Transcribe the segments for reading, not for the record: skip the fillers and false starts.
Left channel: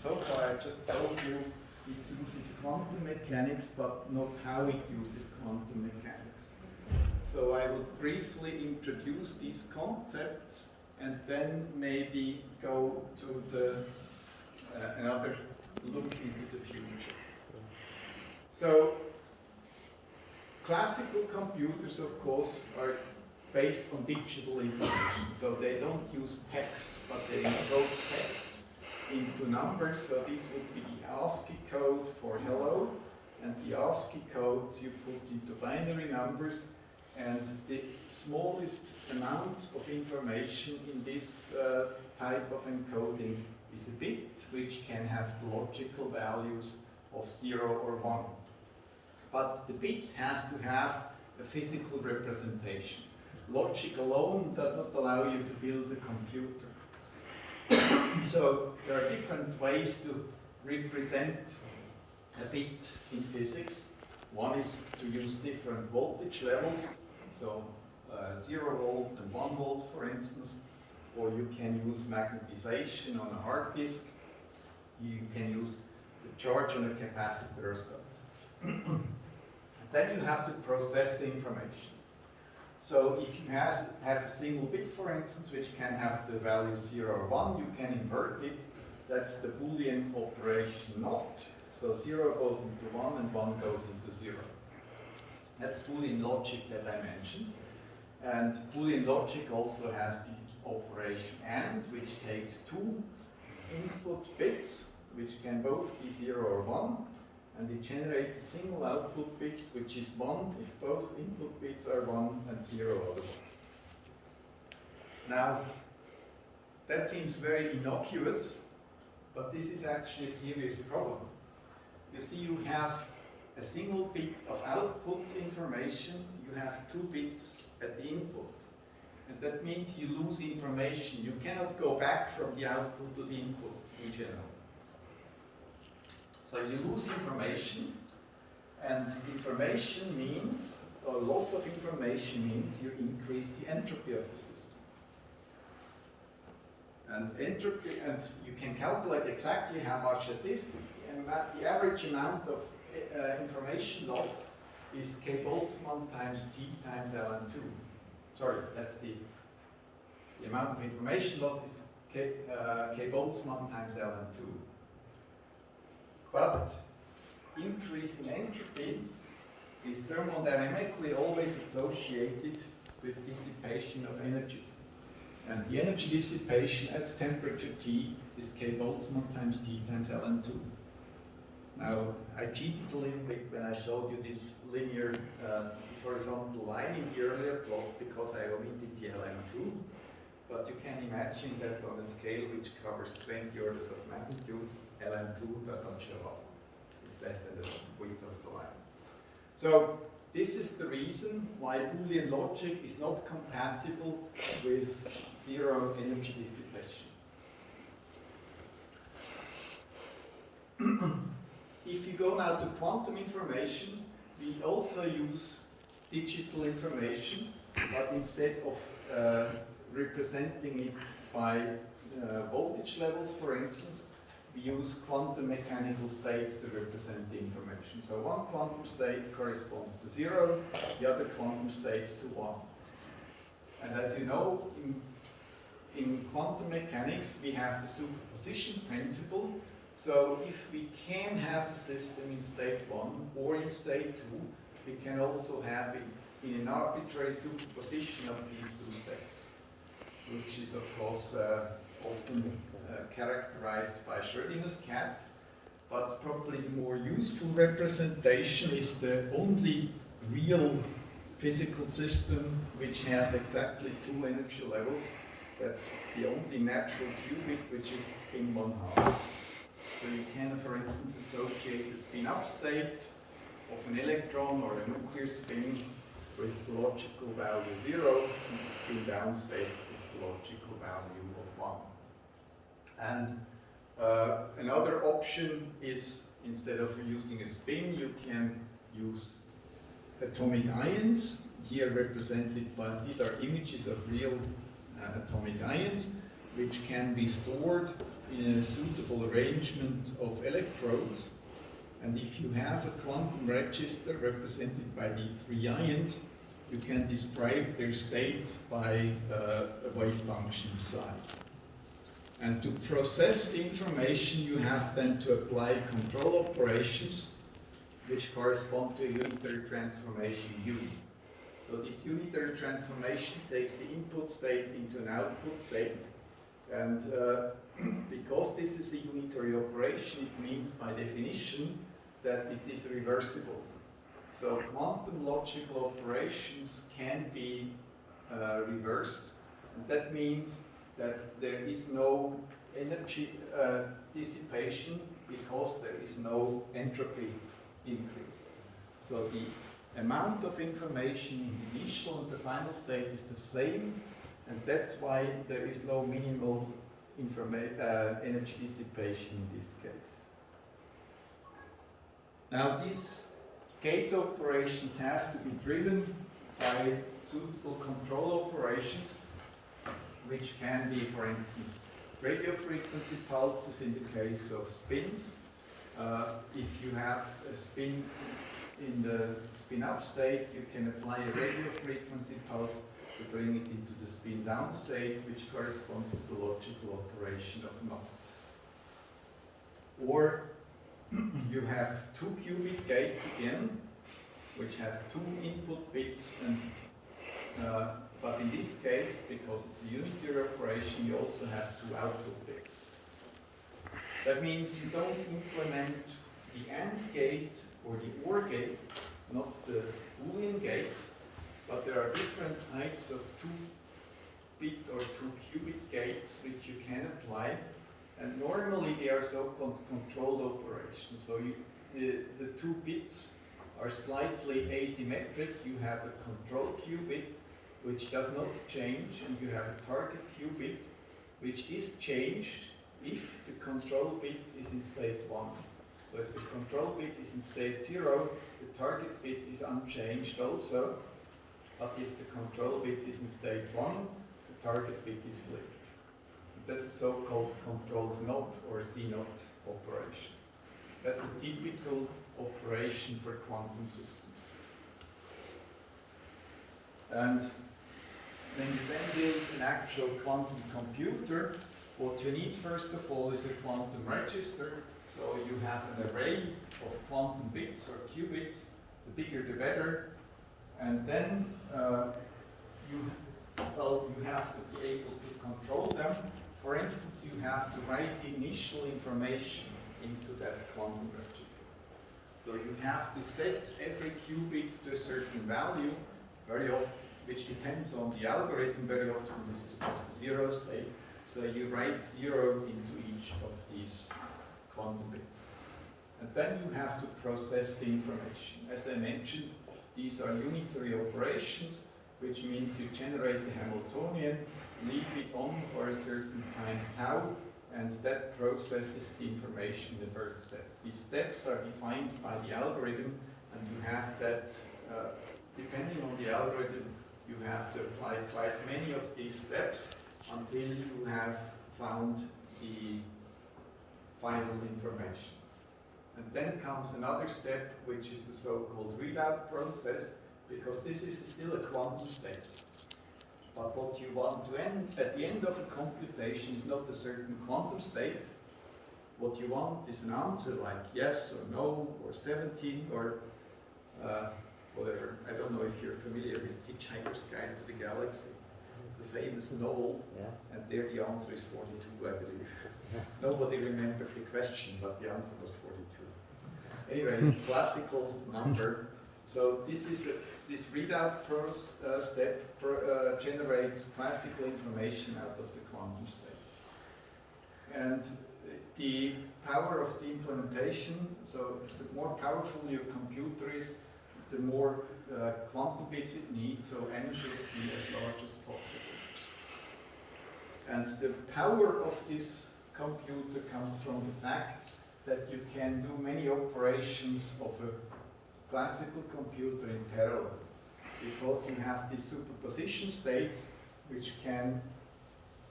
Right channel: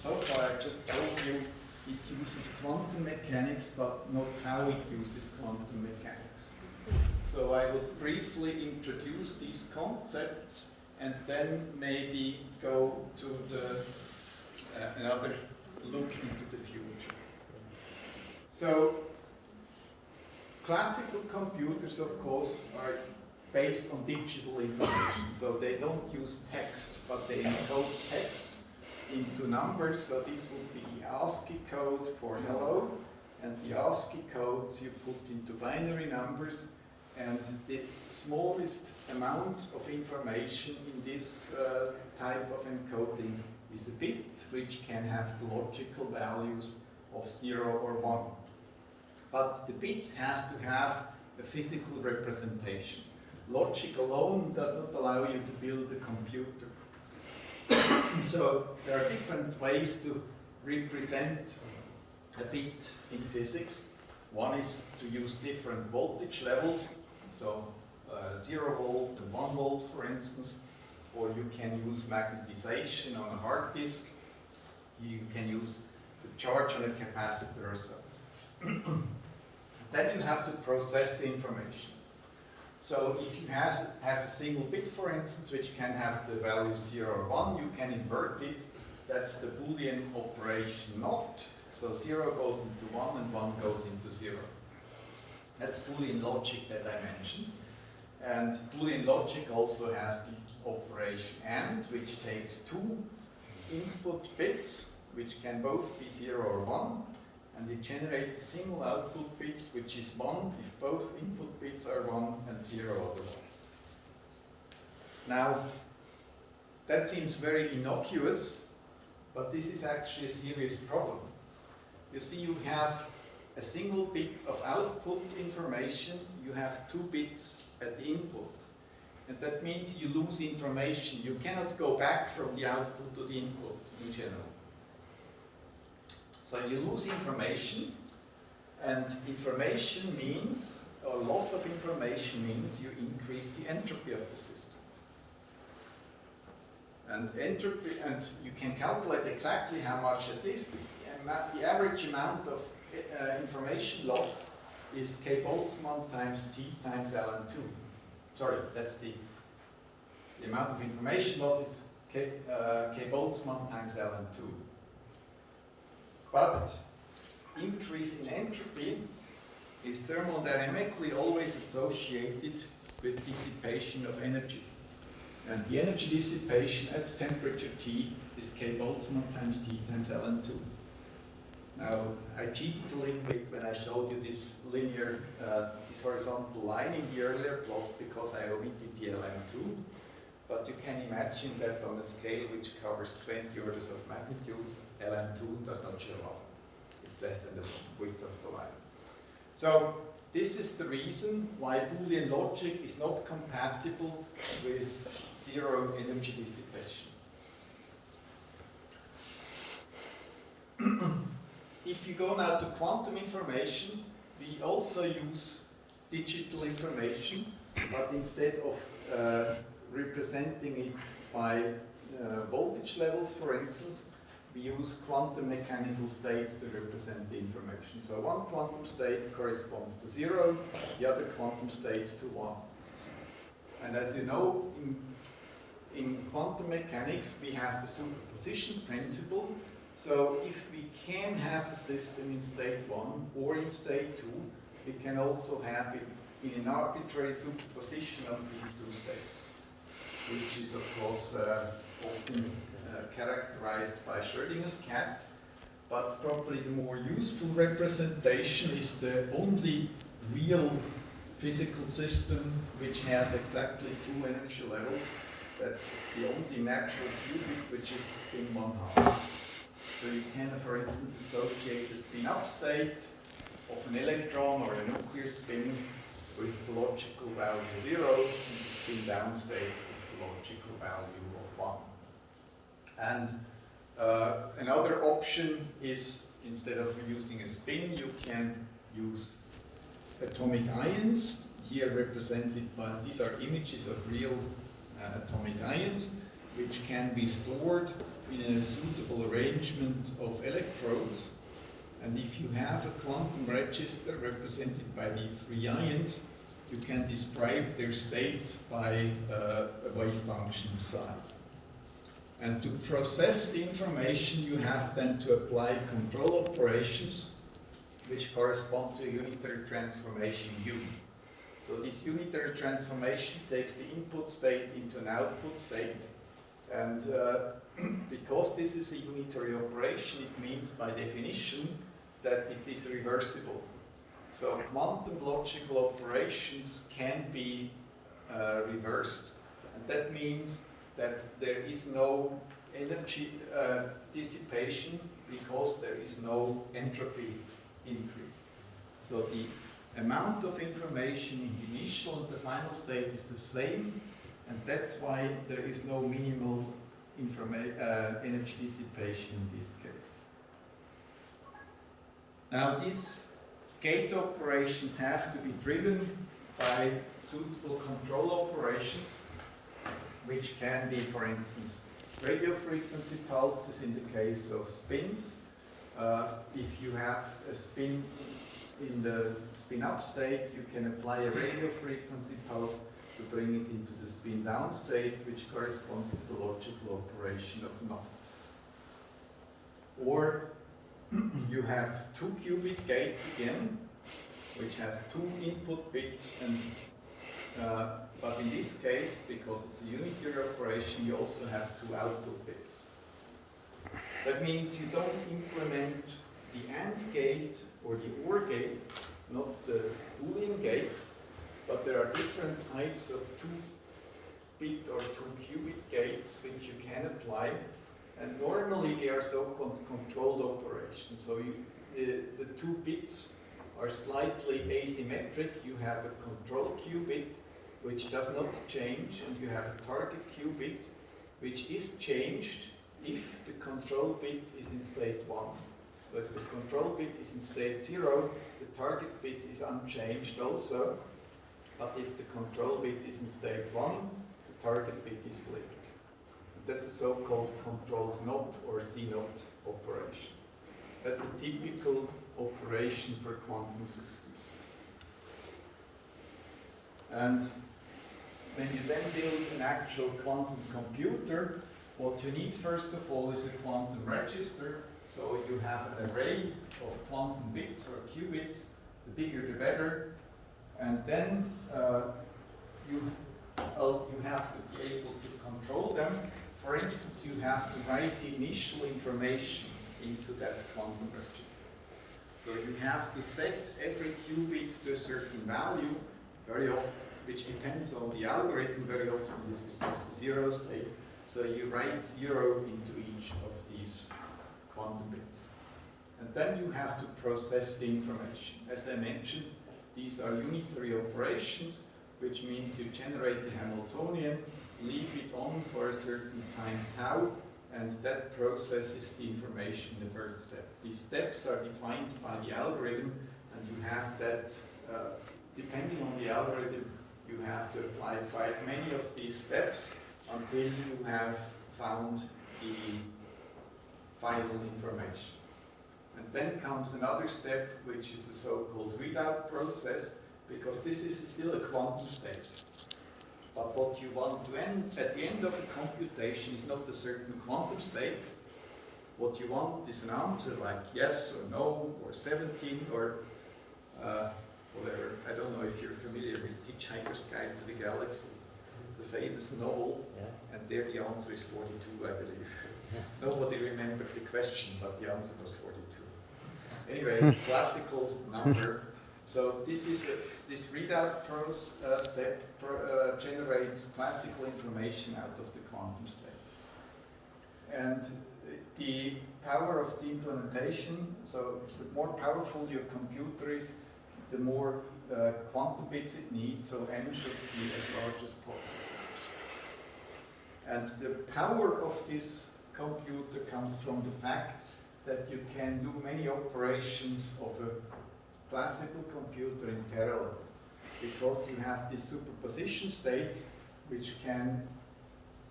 So far I just told you it uses quantum mechanics, but not how it uses quantum mechanics. So I will briefly introduce these concepts and then maybe go to the another look into the future. So classical computers, of course, are based on digital information. So they don't use text, but they encode text into numbers. So this would be the ASCII code for hello, and the ASCII codes you put into binary numbers, and the smallest amounts of information in this type of encoding is a bit, which can have the logical values of 0 or 1. But the bit has to have a physical representation. Logic alone does not allow you to build a computer. So there are different ways to represent a bit in physics. One is to use different voltage levels, so 0 volt and 1 volt, for instance, or you can use magnetization on a hard disk. You can use the charge on a capacitor or so. Then you have to process the information. So if you have a single bit, for instance, which can have the value 0 or 1, you can invert it. That's the Boolean operation not. So 0 goes into 1 and 1 goes into 0. That's Boolean logic that I mentioned. And Boolean logic also has the operation AND, which takes two input bits, which can both be 0 or 1, and it generates a single output bit, which is 1 if both input bits are 1 and 0 otherwise. Now, that seems very innocuous, but this is actually a serious problem. You see, you have a single bit of output information, you have 2 bits at the input. And that means you lose information. You cannot go back from the output to the input in general. So you lose information, and information means, or loss of information means, you increase the entropy of the system. And entropy, and you can calculate exactly how much it is. The average amount of information loss is K Boltzmann times T times ln2. Sorry, that's the amount of information loss is K Boltzmann times ln2. But increase in entropy is thermodynamically always associated with dissipation of energy. And the energy dissipation at temperature T is K Boltzmann times T times ln2. Now, I cheated a little bit when I showed you this linear, this horizontal line in the earlier plot because I omitted the ln2. But you can imagine that on a scale which covers 20 orders of magnitude, ln2 does not show up. It's less than the width of the line. So this is the reason why Boolean logic is not compatible with zero energy dissipation. If you go now to quantum information, we also use digital information, but instead of representing it by voltage levels, for instance, we use quantum mechanical states to represent the information. So one quantum state corresponds to 0, the other quantum state to 1. And as you know, in quantum mechanics, we have the superposition principle. So if we can have a system in state 1 or in state 2, we can also have it in an arbitrary superposition of these two states, which is of course often characterized by Schrödinger's cat, but probably the more useful representation is the only real physical system which has exactly 2 energy levels. That's the only natural qubit, which is spin 1/2. So you can, for instance, associate the spin-up state of an electron or a nuclear spin with the logical value 0 and the spin-down state with the logical value of 1. And another option is, instead of using a spin, you can use atomic ions, here represented by, these are images of real atomic ions. which can be stored in a suitable arrangement of electrodes. And if you have a quantum register represented by these three ions, you can describe their state by a wave function psi. And to process the information, you have then to apply control operations, which correspond to a unitary transformation U. So this unitary transformation takes the input state into an output state. And because this is a unitary operation, it means by definition that it is reversible. So quantum logical operations can be reversed. And that means that there is no energy dissipation because there is no entropy increase. So the amount of information in the initial and the final state is the same, and that's why there is no minimal energy dissipation in this case. Now these gate operations have to be driven by suitable control operations, which can be, for instance, radio frequency pulses in the case of spins. If you have a spin in the spin-up state, you can apply a radio frequency pulse to bring it into the spin-down state, which corresponds to the logical operation of NOT. Or you have two qubit gates again, which have two input bits, and but in this case, because it's a unitary operation, you also have two output bits. That means you don't implement the AND gate or the OR gate, not the Boolean gates, but there are different types of 2-bit or 2-qubit gates which you can apply, and normally they are so-called controlled operations. So the 2 bits are slightly asymmetric. You have a control qubit which does not change, and you have a target qubit which is changed if the control bit is in state 1. So if the control bit is in state 0, the target bit is unchanged also. But if the control bit is in state 1, the target bit is flipped. That's a so-called controlled NOT or C-NOT operation. That's a typical operation for quantum systems. And when you then build an actual quantum computer, what you need first of all is a quantum register. So you have an array of quantum bits or qubits, the bigger the better. And then you have to be able to control them. For instance, you have to write the initial information into that quantum register. So you have to set every qubit to a certain value, very often, which depends on the algorithm. Very often this is just a 0 state. So you write 0 into each of these quantum bits. And then you have to process the information. As I mentioned, these are unitary operations, which means you generate the Hamiltonian, leave it on for a certain time tau, and that processes the information in the first step. These steps are defined by the algorithm, and you have that, depending on the algorithm, you have to apply quite many of these steps until you have found the final information. And then comes another step, which is the so-called readout process, because this is still a quantum state. But what you want to end at the end of a computation is not a certain quantum state. What you want is an answer like yes or no or 17 or whatever. I don't know if you're familiar with Hitchhiker's Guide to the Galaxy, the famous novel, and there the answer is 42, I believe. Nobody remembered the question, but the answer was 42. Anyway, classical number. So this readout step generates classical information out of the quantum state. And the power of the implementation, so the more powerful your computer is, the more quantum bits it needs, so n should be as large as possible. And the power of this computer comes from the fact that you can do many operations of a classical computer in parallel, because you have these superposition states which can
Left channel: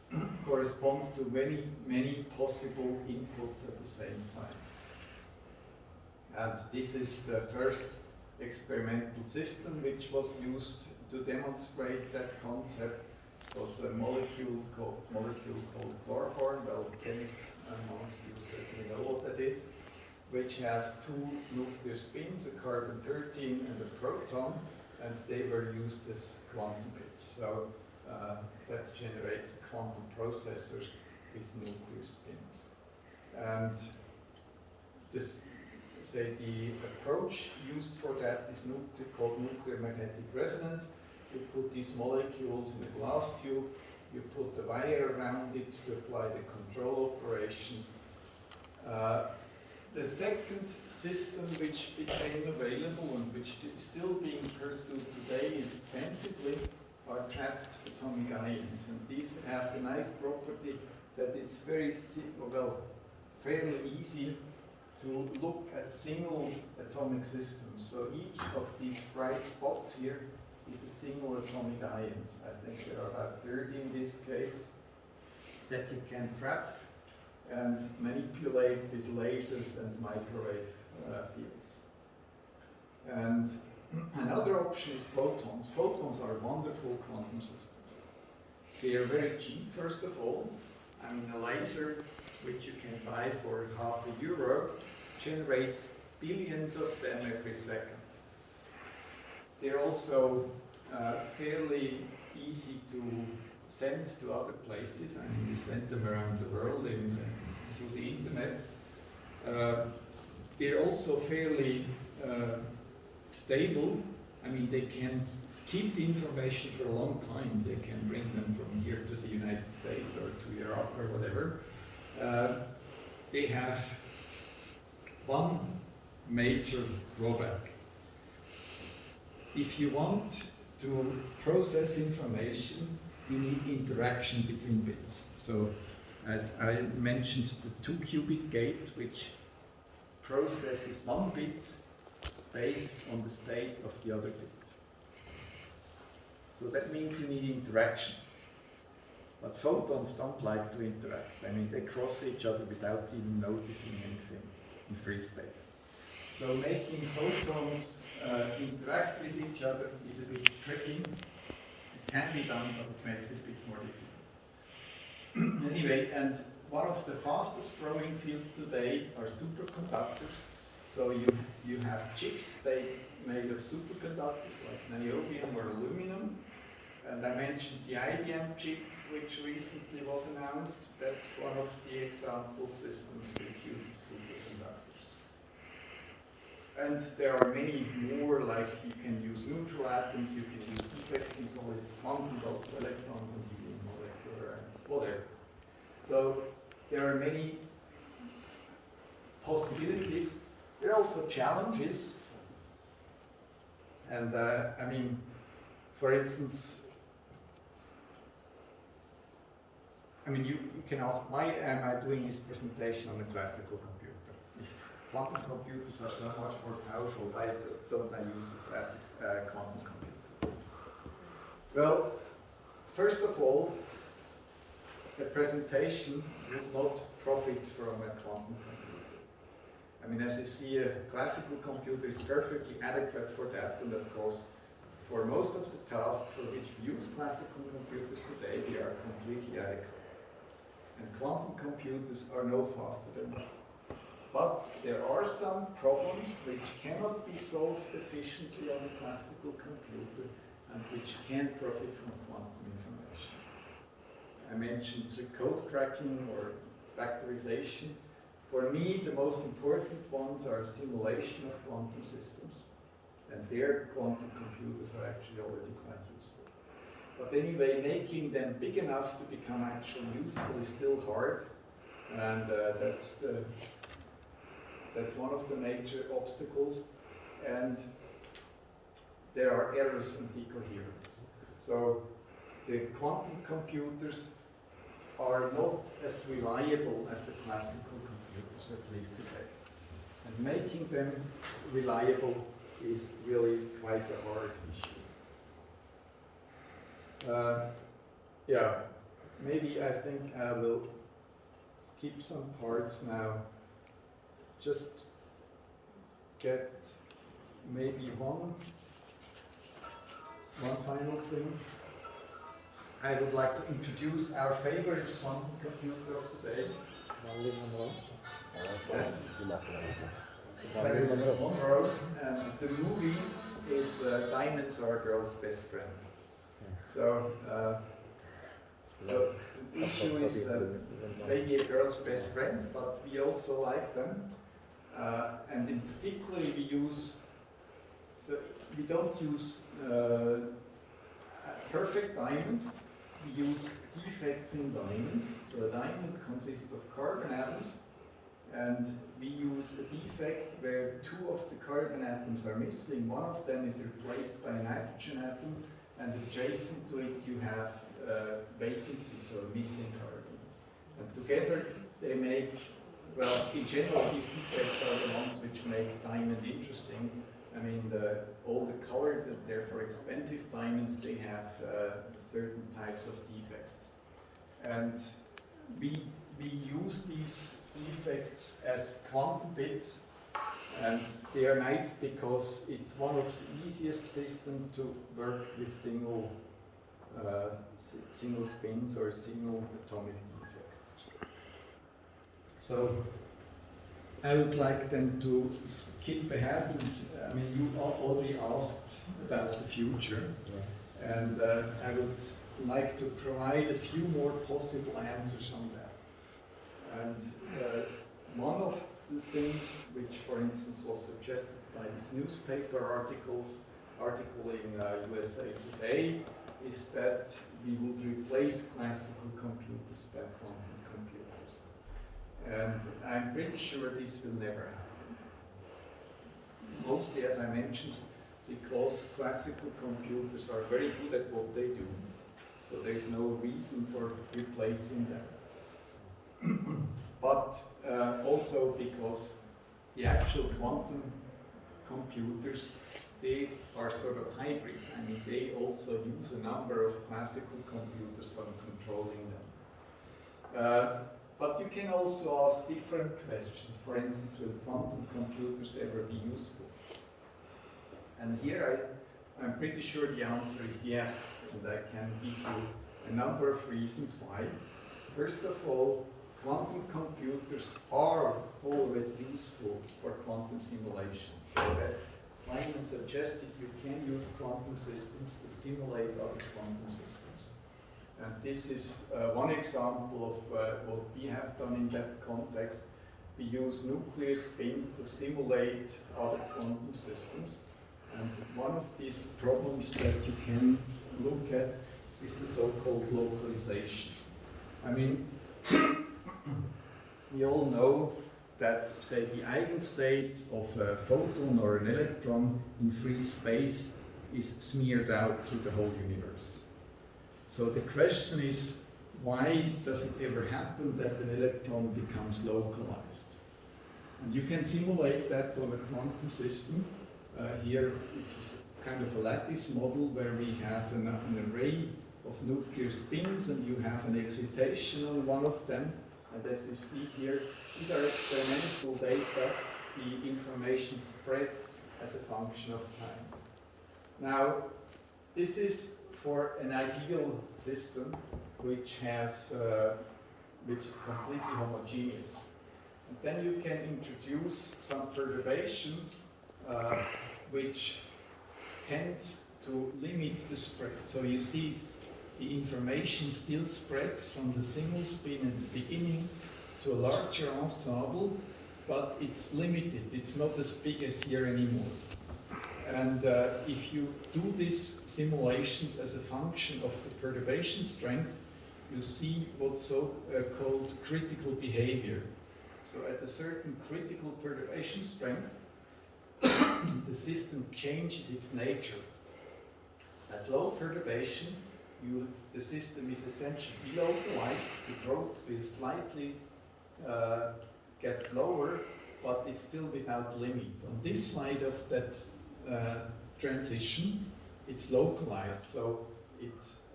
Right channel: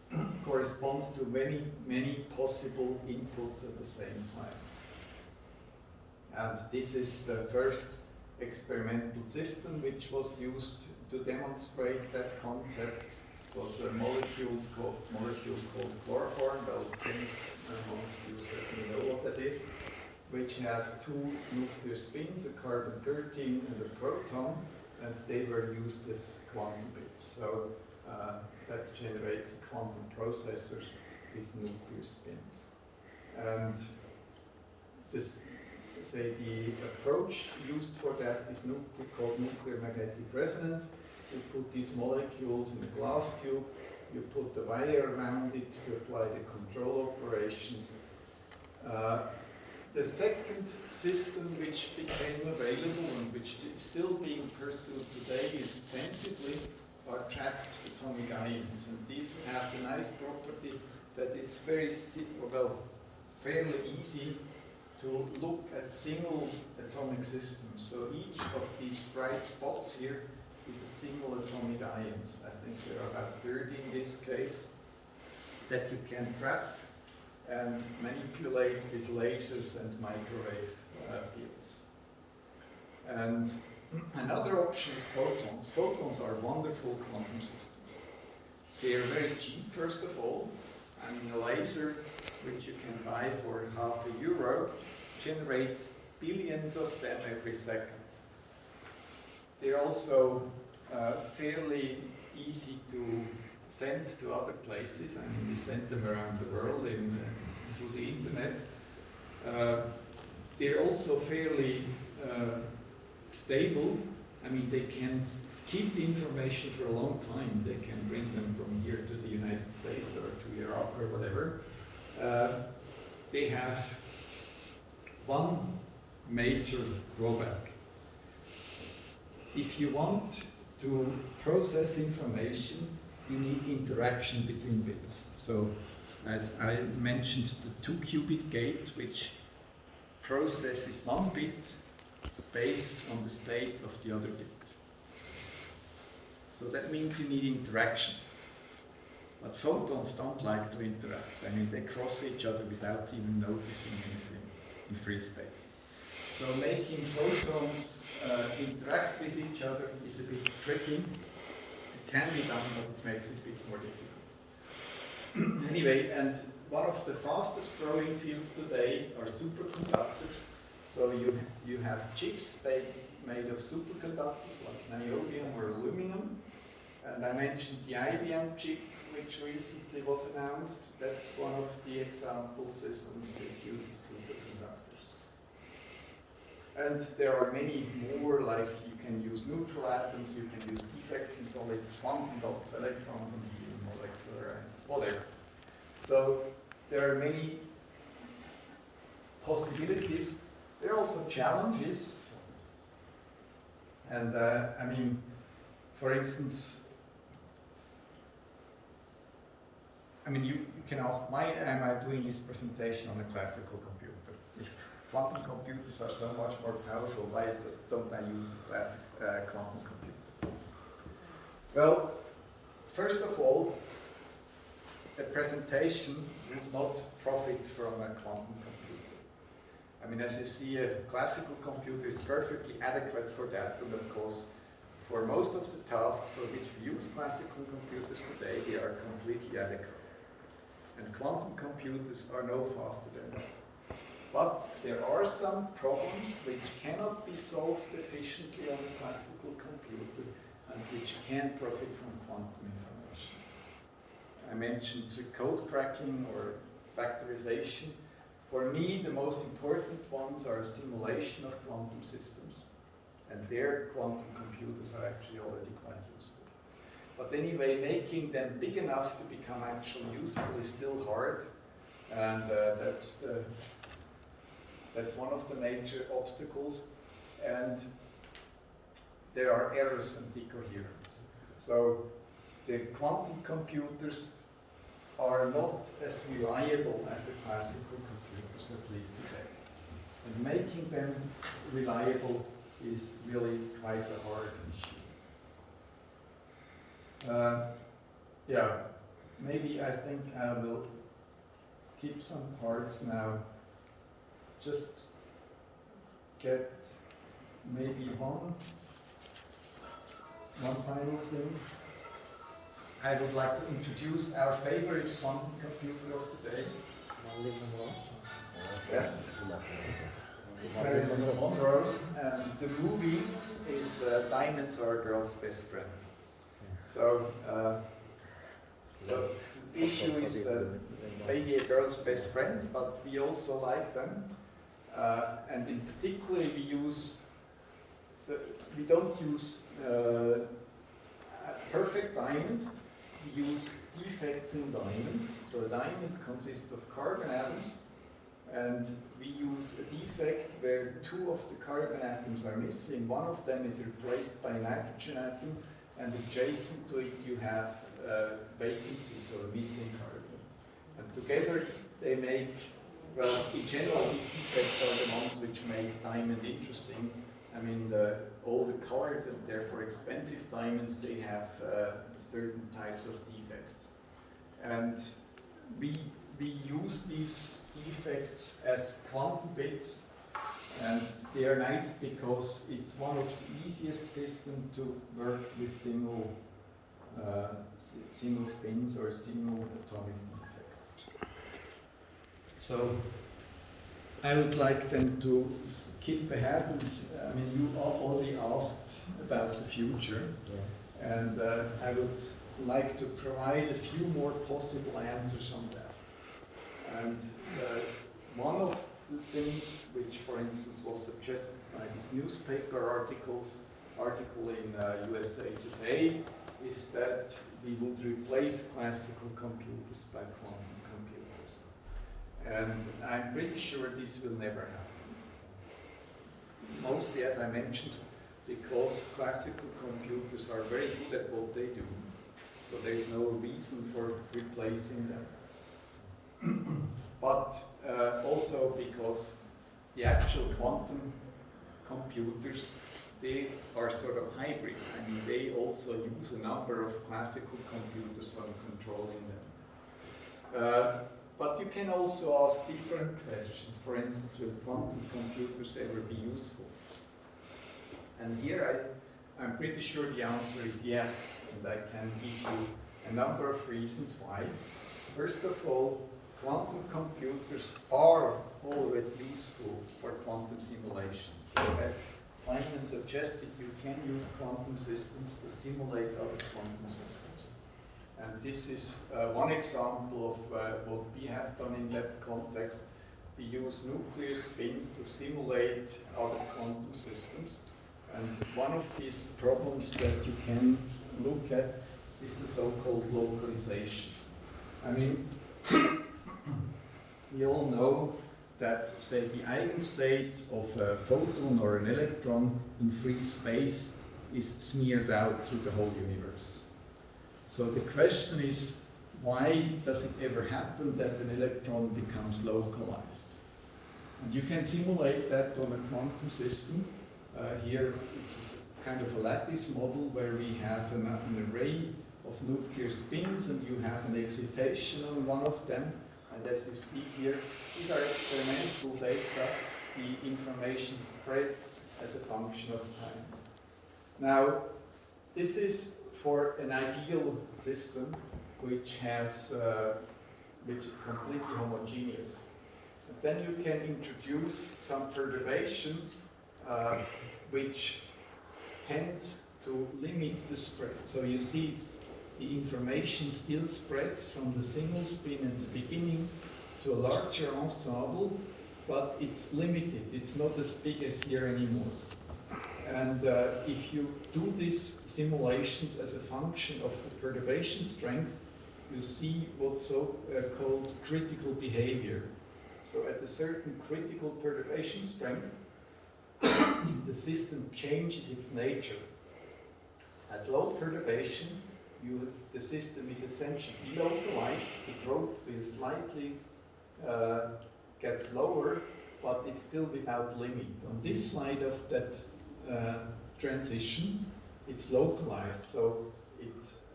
corresponds to many possible inputs at the same time. And this is the first experimental system which was used to demonstrate that concept. It was a molecule called chloroform. Well, chemists amongst you certainly know what that is, which has two nuclear spins, a carbon-13 and a proton, and they were used as quantum bits. So that generates quantum processors with nuclear spins. And the approach used for that is called nuclear magnetic resonance. You put these molecules in a glass tube, you put the wire around it to apply the control operations. The second system which became available and which is still being pursued today extensively are trapped atomic ions. And these have the nice property that it's fairly easy to look at single atomic systems. So each of these bright spots here is a single atomic ions. I think there are about 30 in this case that you can trap and manipulate with lasers and microwave fields. And another option is photons. Photons are wonderful quantum systems. They are very cheap, first of all. I mean, a laser, which you can buy for €0.50, generates billions of them every second. They're also fairly easy to send to other places. I mean, we send them around the world through the internet. They're also fairly stable. I mean, they can keep the information for a long time. They can bring them from here to the United States or to Europe or whatever. They have one major drawback. If you want to process information, you need interaction between bits. So, as I mentioned, the 2-qubit gate, which processes one bit based on the state of the other bit. So that means you need interaction. But photons don't like to interact. I mean, they cross each other without even noticing anything in free space. So making photons interact with each other is a bit tricky. It can be done, but it makes it a bit more difficult. Anyway, and one of the fastest growing fields today are superconductors. So you have chips made of superconductors like niobium or aluminum. And I mentioned the IBM chip, which recently was announced. That's one of the example systems which uses superconductors. And there are many more, like you can use neutral atoms, you can use defects in solids, quantum dots, electrons, and helium molecular atoms, whatever. So there are many possibilities. There are also challenges. And I mean, for instance, you can ask, why am I doing this presentation on a classical computer? If quantum computers are so much more powerful, why don't I use a classic quantum computer? Well, first of all, a presentation would not profit from a quantum computer. I mean, as you see, a classical computer is perfectly adequate for that, and of course, for most of the tasks for which we use classical computers today, they are completely adequate. And quantum computers are no faster than that. But there are some problems which cannot be solved efficiently on a classical computer and which can profit from quantum information. I mentioned code cracking or factorization. For me, the most important ones are simulation of quantum systems. And there, quantum computers are actually already quite useful. But anyway, making them big enough to become actually useful is still hard. And that's one of the major obstacles. And there are errors and decoherence. So the quantum computers are not as reliable as the classical computers, at least today. And making them reliable is really quite a hard issue. maybe I think I will skip some parts now. Just get maybe one final thing. I would like to introduce our favorite quantum computer of today. Yes. It's Marilyn Monroe, and the movie is Diamonds Are a Girl's Best Friend. So, the issue is maybe a girl's best friend, but we also like them. And in particular, we don't use a perfect diamond, we use defects in diamond. So a diamond consists of carbon atoms, and we use a defect where two of the carbon atoms are missing. One of them is replaced by a nitrogen atom, and adjacent to it you have vacancies, or missing carbon. And together they make, well, in general these defects are the ones which make diamond interesting. I mean, all the colored and therefore expensive diamonds, they have certain types of defects. And we use these defects as quantum bits, and they are nice because it's one of the easiest systems to work with single spins or single atomic defects. So I would like then to skip ahead, and I mean, you already asked about the future, and I would like to provide a few more possible answers on that. And one of the things which, for instance, was suggested by this newspaper article in USA Today is that we would replace classical computers by quantum computers. And I'm pretty sure this will never happen. Mostly, as I mentioned, because classical computers are very good at what they do. So there's no reason for replacing them. But also because the actual quantum computers, they are sort of hybrid. I mean, they also use a number of classical computers for controlling them. But you can also ask different questions. For instance, will quantum computers ever be useful? And here I'm pretty sure the answer is yes, and I can give you a number of reasons why. First of all, quantum computers are already useful for quantum simulations. So as Feynman suggested, you can use quantum systems to simulate other quantum systems. And this is one example of what we have done in that context. We use nuclear spins to simulate other quantum systems. And one of these problems that you can look at is the so-called localization. I mean, we all know that, say, the eigenstate of a photon or an electron in free space is smeared out through the whole universe. So the question is, why does it ever happen that an electron becomes localized? And you can simulate that on a quantum system. Here it's kind of a lattice model where we have an array of nuclear spins, and you have an excitation on one of them. And as you see here, these are experimental data. The information spreads as a function of time. Now, this is for an ideal system which is completely homogeneous. And then you can introduce some perturbation which tends to limit the spread. So you see the information still spreads from the single spin at the beginning to a larger ensemble, but it's limited. It's not as big as here anymore. And if you do these simulations as a function of the perturbation strength, you see what's called critical behavior. So at a certain critical perturbation strength, the system changes its nature. At low perturbation, the system is essentially delocalized. The growth will slightly get slower, but it's still without limit. On this side of that transition, it's localized, so it's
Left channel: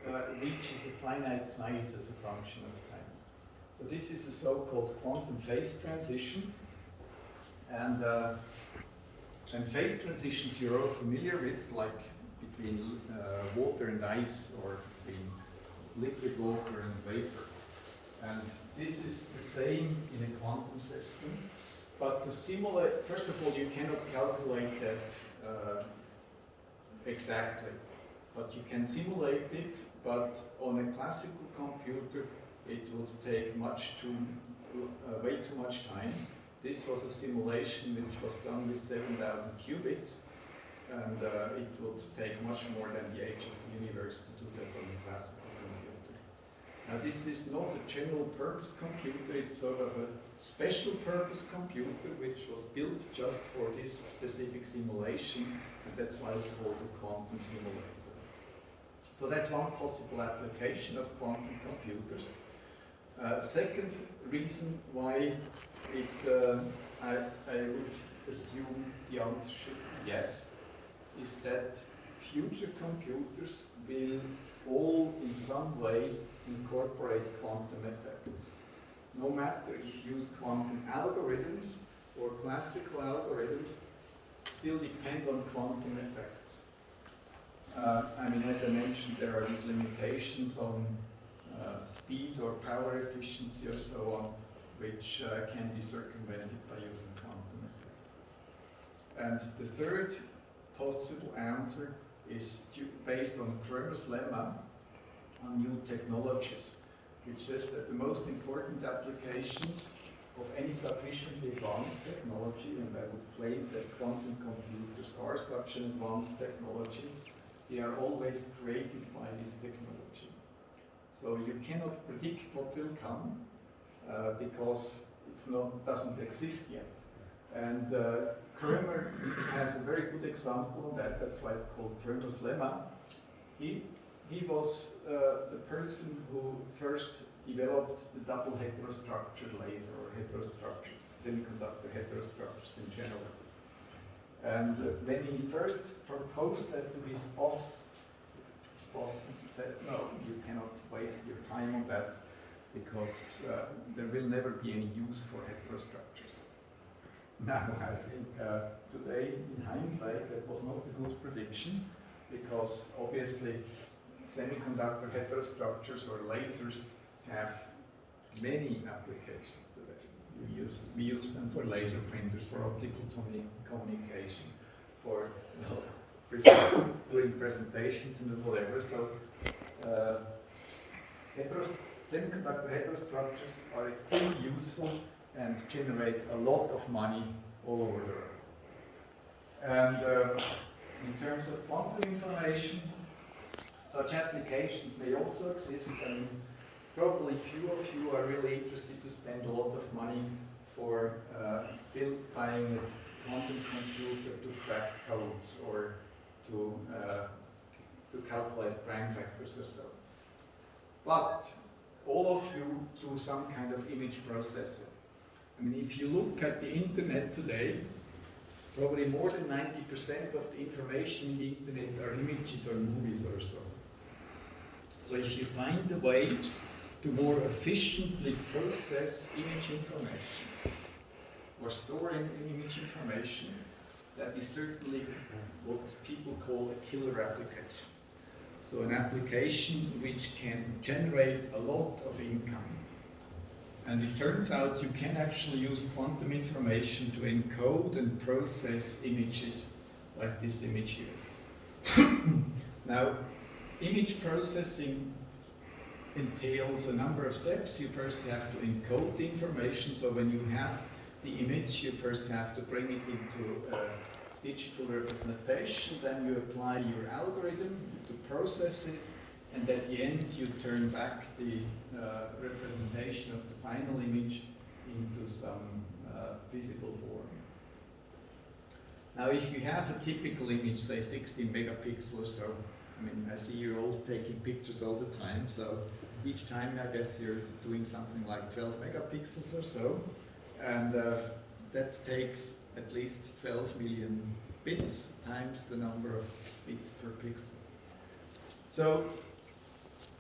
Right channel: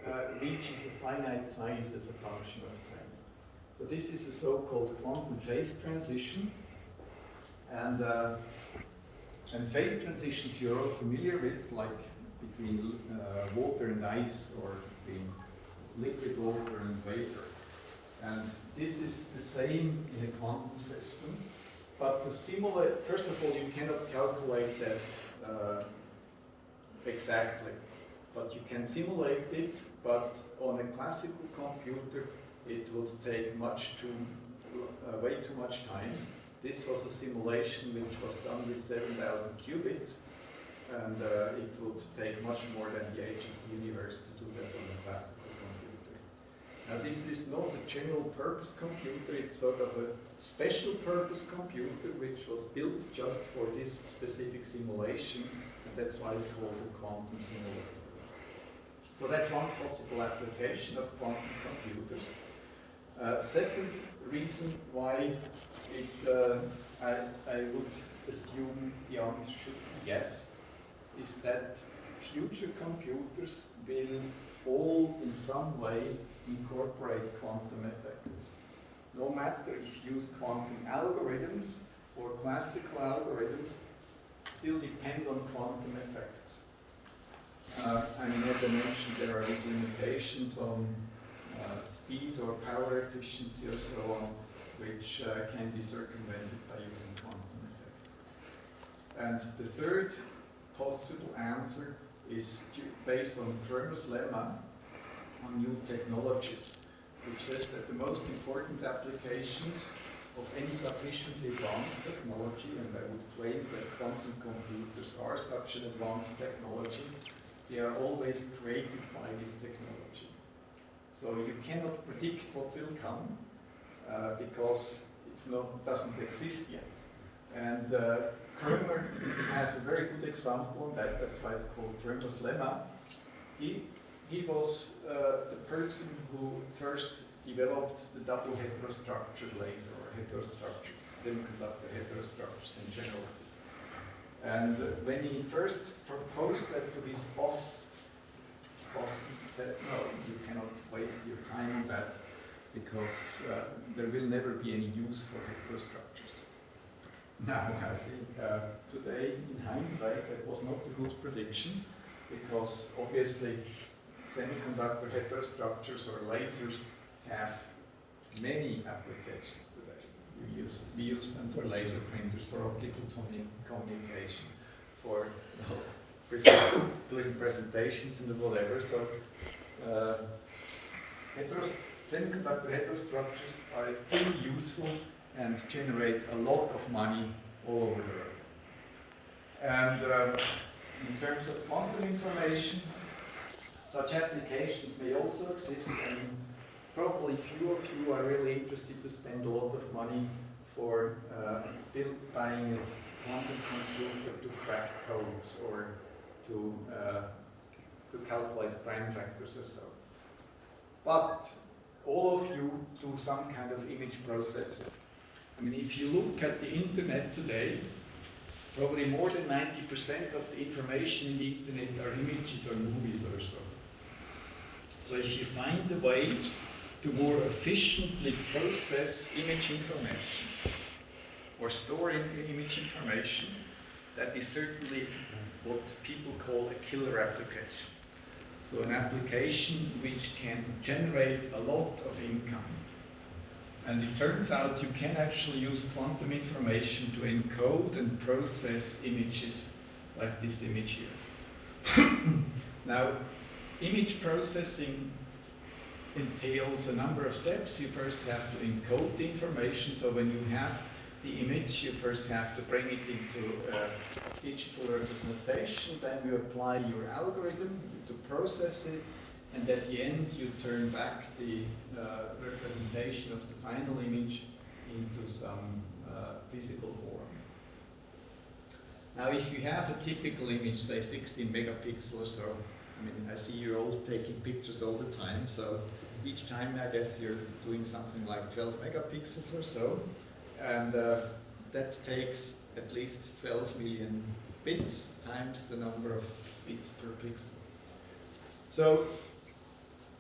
reaches a finite size as a function of time. So this is a so-called quantum phase transition. And phase transitions you're all familiar with, like between water and ice, or between liquid water and vapor. And this is the same in a quantum system. But to simulate, first of all, you cannot calculate that exactly. But you can simulate it, but on a classical computer, it would take way too much time. This was a simulation which was done with 7,000 qubits, and it would take much more than the age of the universe to do that on a classical computer. Now this is not a general purpose computer, it's sort of a special purpose computer which was built just for this specific simulation, and that's why it's called a quantum simulator. So that's one possible application of quantum computers. Second reason why I would assume the answer should be yes, is that future computers will all in some way incorporate quantum effects. No matter if you use quantum algorithms or classical algorithms, still depend on quantum effects. I mean, as I mentioned, there are these limitations on speed or power efficiency or so on, which can be circumvented by using quantum effects. And the third possible answer is based on Cramer's lemma on new technologies, which says that the most important applications of any sufficiently advanced technology, and I would claim that quantum computers are such an advanced technology, they are always created by this technology. So you cannot predict what will come because doesn't exist yet. And Cramer has a very good example on that. That's why it's called Cramer's lemma. He was the person who first developed the double heterostructure laser, or heterostructures, semiconductor heterostructures in general. And when he first proposed that to his boss said, no, you cannot waste your time on that, because there will never be any use for heterostructures. Now, I think today, in hindsight, that was not a good prediction, because obviously semiconductor heterostructures or lasers have many applications today. We use them for laser printers, for optical communication, for doing presentations and whatever. So semiconductor heterostructures are extremely useful and generate a lot of money all over the world. And in terms of quantum information, such applications may also exist. I mean, probably few of you are really interested to spend a lot of money for buying a quantum computer to crack codes or to calculate prime factors or so. But all of you do some kind of image processing. I mean, if you look at the internet today, probably more than 90% of the information in the internet are images or movies or so. So if you find a way to more efficiently process image information or store image information, that is certainly what people call a killer application. So an application which can generate a lot of income. And it turns out you can actually use quantum information to encode and process images like this image here. Now, image processing entails a number of steps. You first have to encode the information. So when you have the image, you first have to bring it into digital representation. Then you apply your algorithm to process it. And at the end, you turn back the representation of the final image into some physical form. Now, if you have a typical image, say 16 megapixels or so, I mean, I see you're all taking pictures all the time, so each time I guess you're doing something like 12 megapixels or so, and that takes at least 12 million bits times the number of bits per pixel. So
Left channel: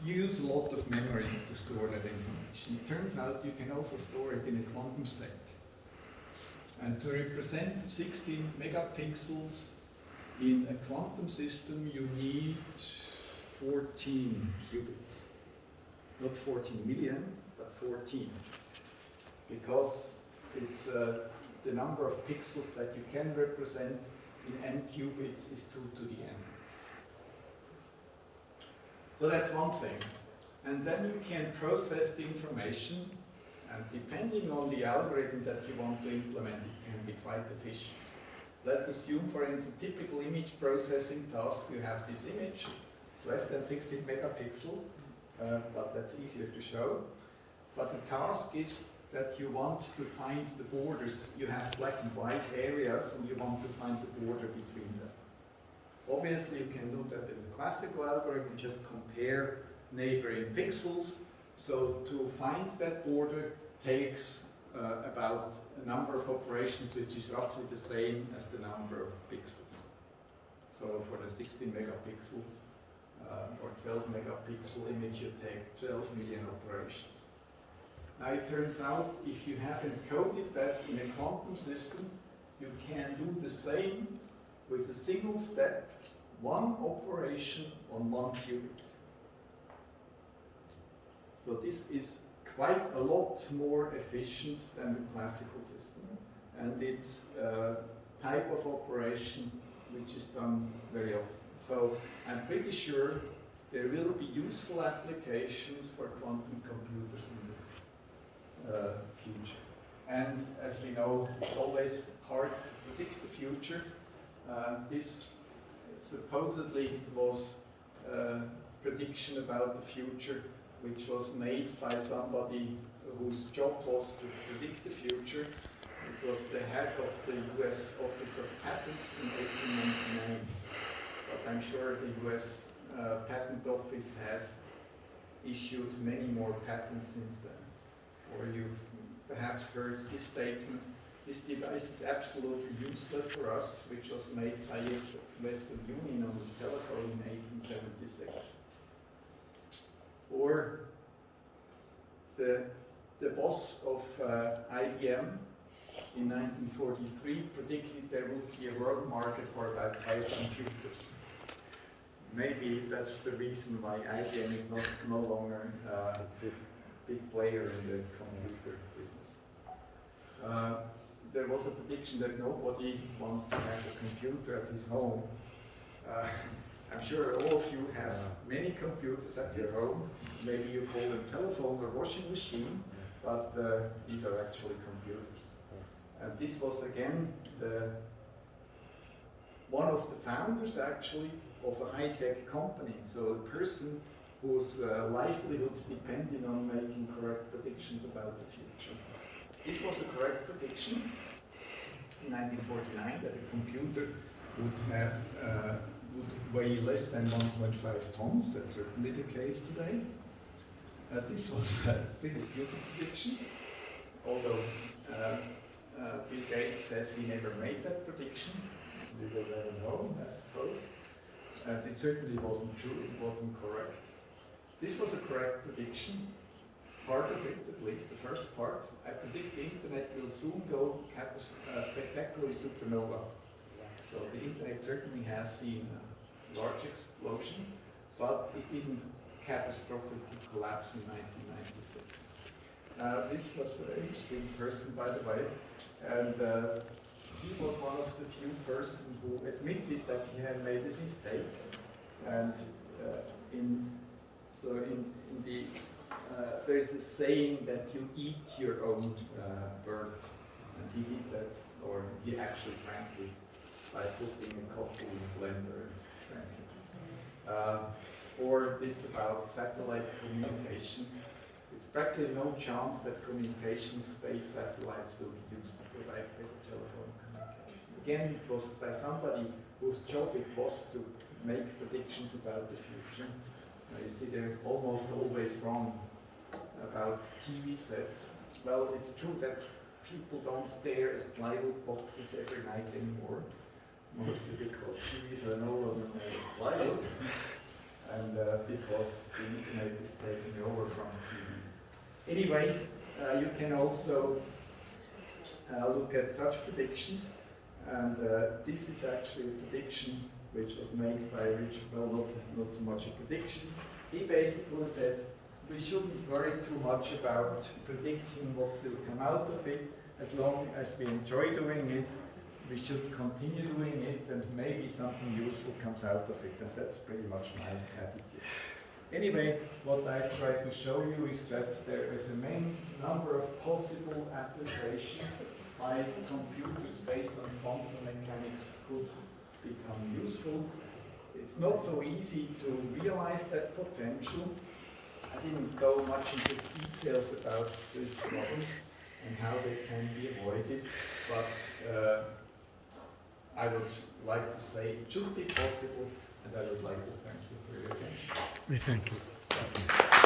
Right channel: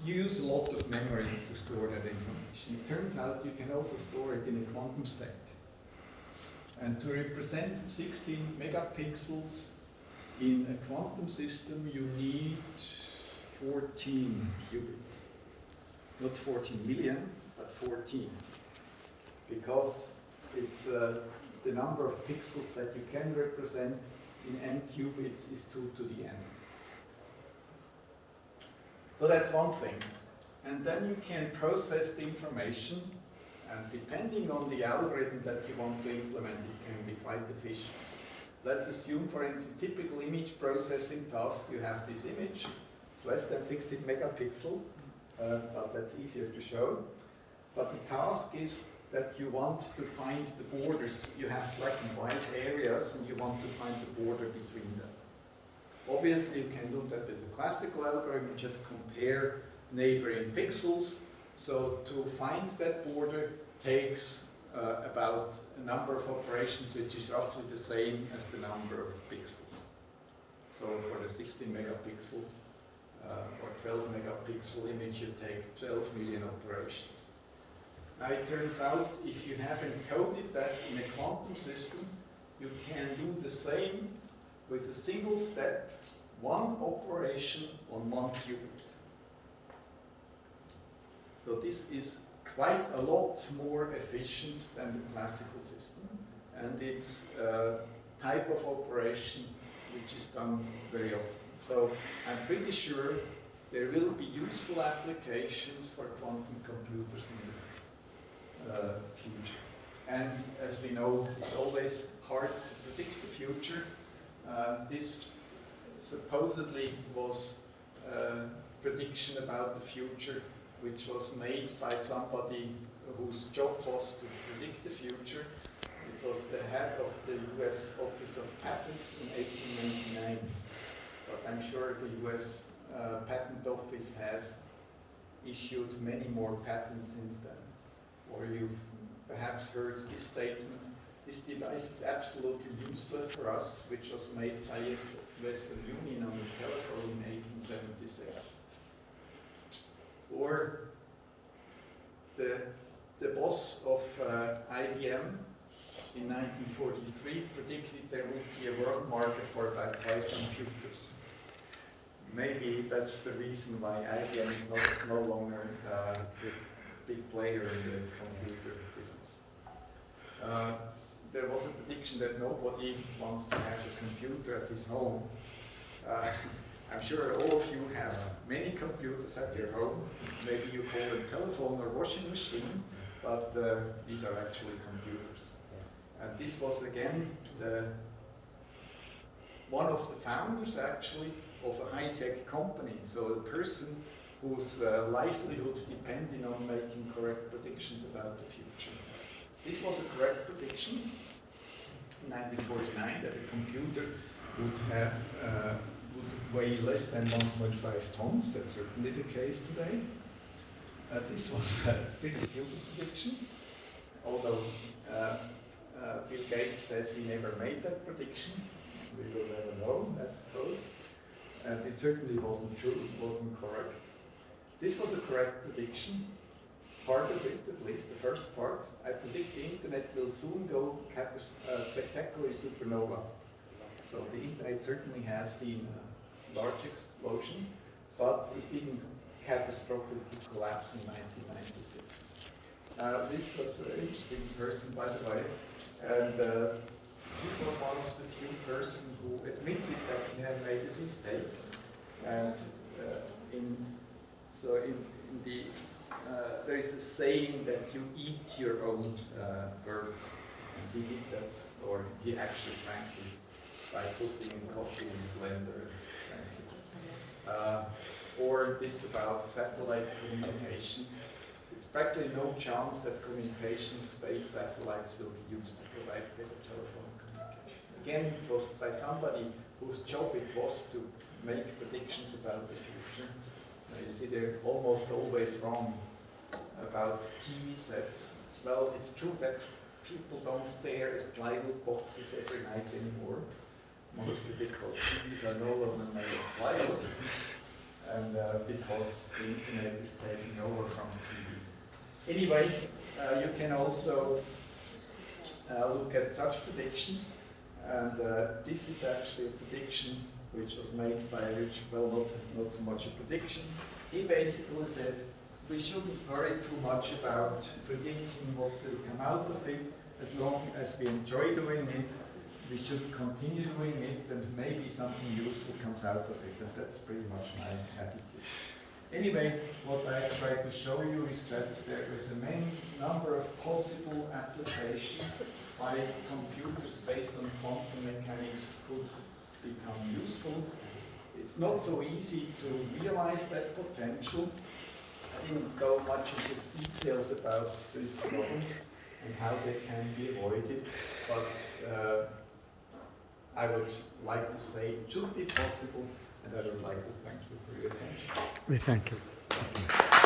you use a lot of memory to store that information. It turns out you can also store it in a quantum state. And to represent 16 megapixels in a quantum system, you need 14 qubits. Not 14 million, but 14. Because it's the number of pixels that you can represent in n qubits is 2 to the n. So that's one thing. And then you can process the information, and depending on the algorithm that you want to implement, it can be quite efficient. Let's assume, for instance, typical image processing task, you have this image, it's less than 16 megapixel, but that's easier to show. But the task is that you want to find the borders. You have black and white areas, and you want to find the border between them. Obviously, you can do that with a classical algorithm, just compare neighboring pixels. So to find that border takes about a number of operations which is roughly the same as the number of pixels. So for the 16 megapixel or 12 megapixel image, you take 12 million operations. Now it turns out if you have encoded that in a quantum system, you can do the same with a single step, one operation on one qubit. So this is quite a lot more efficient than the classical system, and it's a type of operation which is done very often. So I'm pretty sure there will be useful applications for quantum computers in the future. And as we know, it's always hard to predict the future. This supposedly was a prediction about the future which was made by somebody whose job was to predict the future. It was the head of the US Office of Patents in 1899. But I'm sure the US Patent Office has issued many more patents since then. Or you've perhaps heard this statement: this device is absolutely useless for us, which was made by Western Union on the telephone in 1876. Or the boss of IBM in 1943 predicted there would be a world market for about 5 computers. Maybe that's the reason why IBM is no longer a big player in the computer business. There was a prediction that nobody wants to have a computer at his home. I'm sure all of you have many computers at your home. Maybe you call them telephone or washing machine, but these are actually computers. And this was again one of the founders actually of a high-tech company. So a person whose livelihood depended on making correct predictions about the future. This was a correct prediction in 1949 that a computer would have would weigh less than 1.5 tons. That's certainly the case today. This was a pretty stupid prediction, although Bill Gates says he never made that prediction. We will never know, I suppose. And it certainly wasn't true, it wasn't correct. This was a correct prediction. Part of it, at least, the first part. I predict the internet will soon go spectacularly supernova. So the internet certainly has seen a large explosion, but it didn't catastrophically collapse in 1996. This was an interesting person, by the way, and he was one of the few persons who admitted that he had made a mistake. And there is a saying that you eat your own words, and he did that, or he actually drank it by putting coffee in a blender and drank it. Or this about satellite communication. There's practically no chance that communication space satellites will be used to provide better telephone communication. Again, it was by somebody whose job it was to make predictions about the future. You see, they're almost always wrong about TV sets. Well, it's true that people don't stare at plywood boxes every night anymore, mostly because TVs are no longer made of plywood. and because the internet is taking over from TV. Anyway, you can also look at such predictions, and this is actually a prediction which was made by Richard, well, not so much a prediction. He basically said we shouldn't worry too much about predicting what will come out of it. As long as we enjoy doing it, we should continue doing it, and maybe something useful comes out of it, and that's pretty much my attitude. Anyway, what I try to show you is that there is a many number of possible applications by computers based on quantum mechanics could become useful. It's not so easy to realize that potential. I didn't go much into details about these problems and how they can be avoided, but I would like to say it should be possible, and I would like to thank you for your attention. We thank you.